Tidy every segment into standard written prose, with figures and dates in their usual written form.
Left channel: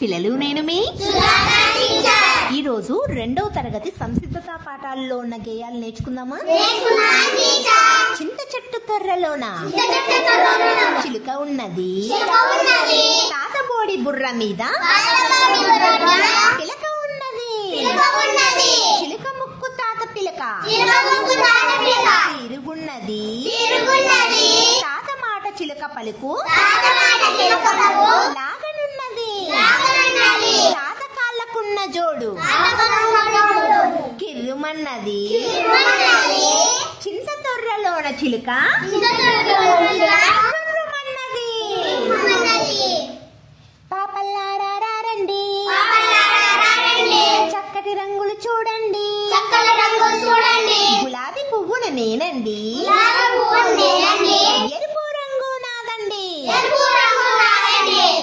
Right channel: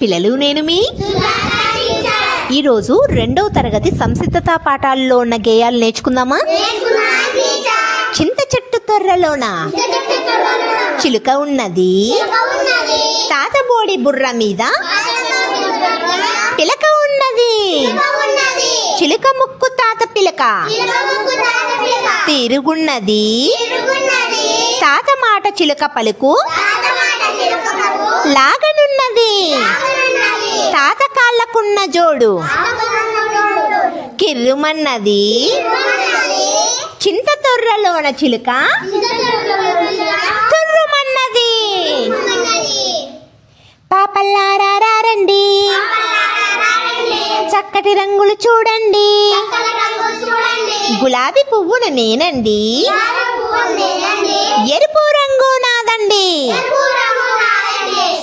పిల్లలు నేను మీ ఈరోజు రెండవ తరగతి సంసిద్ధత పాఠాల్లో ఉన్న గేయాలు నేర్చుకుందామా? చింత చెట్టు తొర్రలోన చిలుక ఉన్నది, తాతబోడి బుర్ర మీద పిలక ఉన్నది, చిలుక ముక్కు తాత పిలక తిరుగున్నది, తాత మాట చిలుక పలుకు లాగనున్నది, తాత కాళ్ళకున్న జోడు కిర్రుమన్నది, చింత తొర్రలోన చిలుక తుర్రుమన్నది. పాపల్లారా రండి, చక్కటి రంగులు చూడండి, గులాబీ పువ్వును నేనండి, ఎరుపు రంగు నాదండి,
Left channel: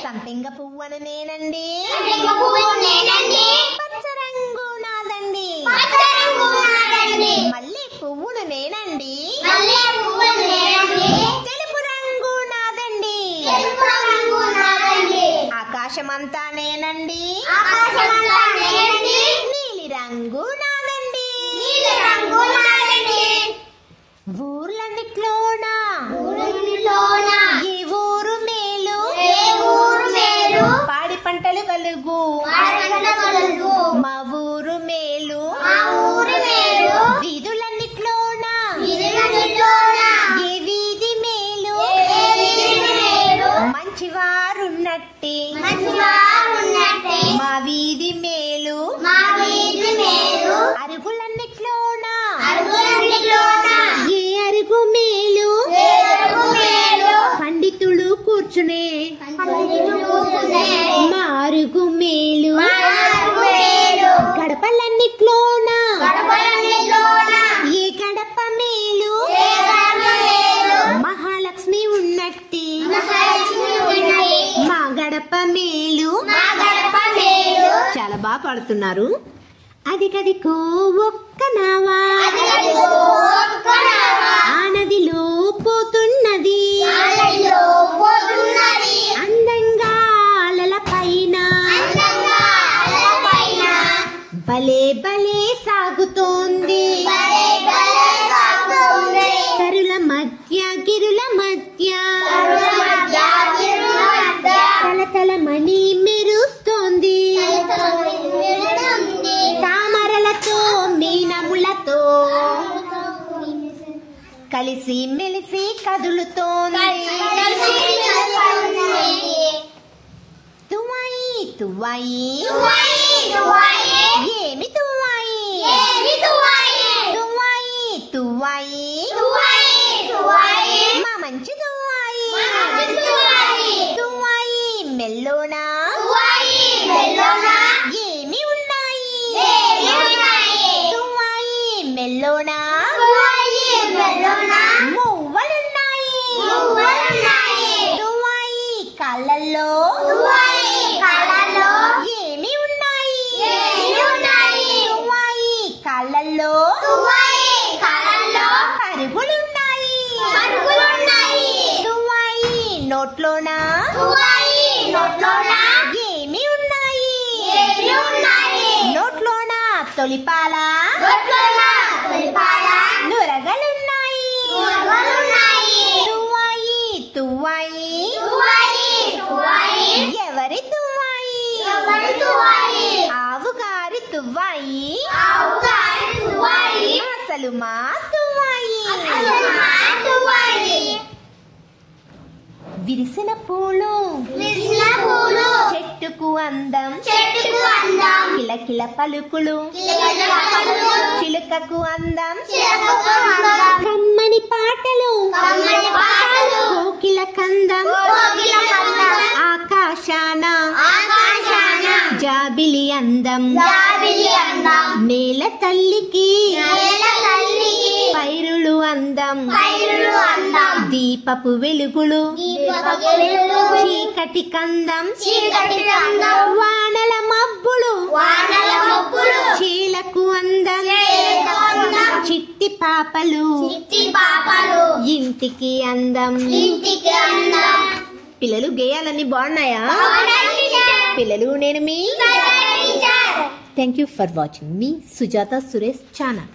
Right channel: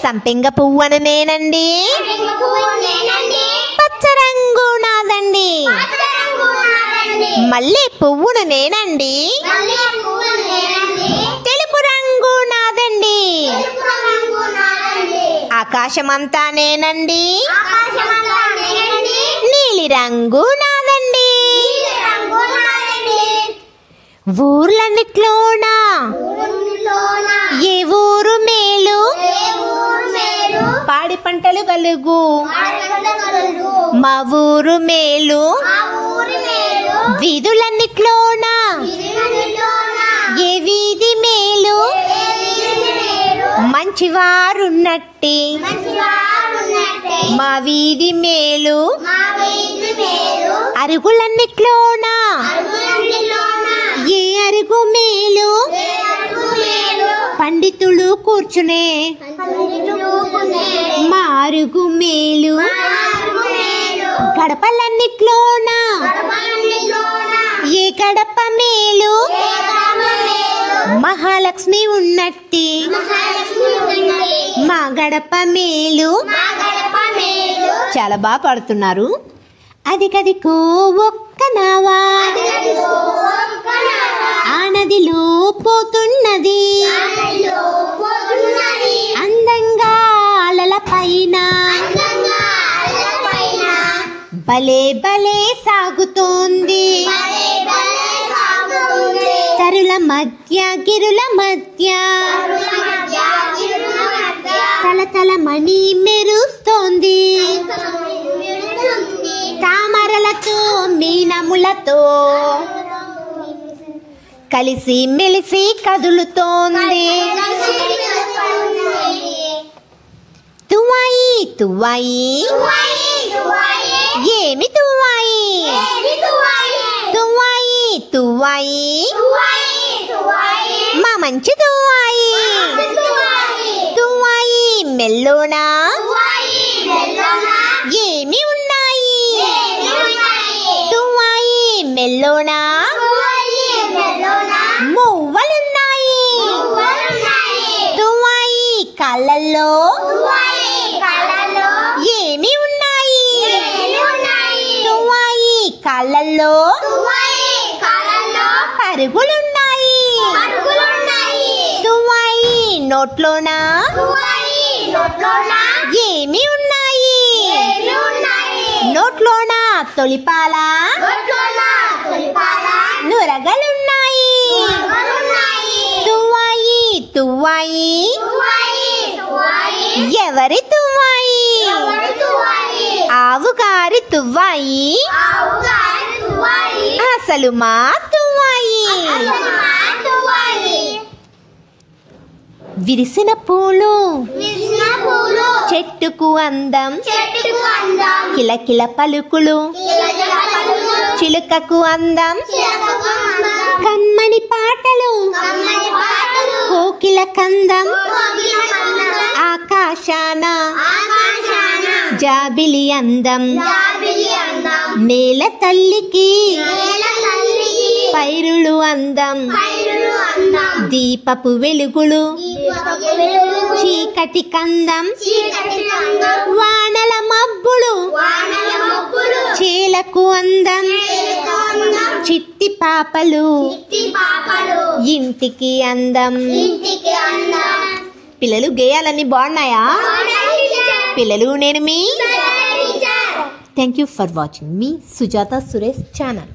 సంపెంగ పువ్వును నేనండి, పచ్చ రంగు నాదండి, మల్లె పువ్వును నేనండి, తెలుపు రంగు నాదండి, ఆకాశమంతా నేనండి, నీలి రంగు నాదండి. ఊర్లన్నిట్లోనా ఏ ఊరు మేలు, పాడి పంటలు కలుగు మా ఊరు మేలు, వీధులన్నిట్లోనా ఏ వీధి మేలు, మంచివారున్నట్టి మా వీధి మేలు, అరుగులన్నిట్లోనా ఏ అరుగు మేలు, పండితులు కూర్చునే మా అరుగు మేలు, గడపలన్నిట్లోనా ఏ గడప మేలు, మహాలక్ష్మి ఉన్నట్టి మా గడప మేలు. చాలా బాగా పాడుతున్నారు. అది కదికో ఒక్క నావా ఆ నదిలో పోతున్నది, అందంగా అలల పైన భలే భలే సాగుతోంది, తరుల మధ్య గిరుల మధ్య తలతల మణి మెరుస్తోంది, తామరలతో మీనములతో కలిసి మెలిసి కదులుతోంది. తువ్వాయి తువ్వాయి ఏమి తువ్వాయి, తువ్వాయి తువ్వాయి మా మంచి తువ్వాయి, తువ్వాయి మెల్లోనా ఏమి ఉన్నాయి, తువ్వాయి మెల్లోనా మువ్వలున్నాయి, తువ్వాయి కాళ్ళల్లో ఏమి ఉన్నాయి, తువ్వాయి కాళ్ళల్లో అరుగులున్నాయి, తువ్వాయి నోట్లోనా ఏమి ఉన్నాయి, నోట్లోనా తొలిపాల నురగలున్నాయి, తువ్వాయి తువ్వాయి ఎవరి తువ్వాయి, ఆవుగారి తువ్వాయి అసలు మా తువ్వాయి. విరిసిన పూలు చెట్టుకు అందం, కిలకిల పలుకులు చిలుకకు అందం, కమ్మని పాటలు కోకిల కందం, ఆకాశాన జాబిలి అందం, నేల తల్లికి పైరులు అందం, దీపపు వెలుగులు చీకటి కందం, వానల మబ్బులు చేలకు అందం, చిట్టి పాపలు ఇంటికి అందం. పిల్లలు గేయాలన్నీ బాగున్నాయా? పిల్లలు నేను మీ థ్యాంక్ యూ ఫర్ వాచింగ్ మీ సుజాత సురేష్ ఛానల్.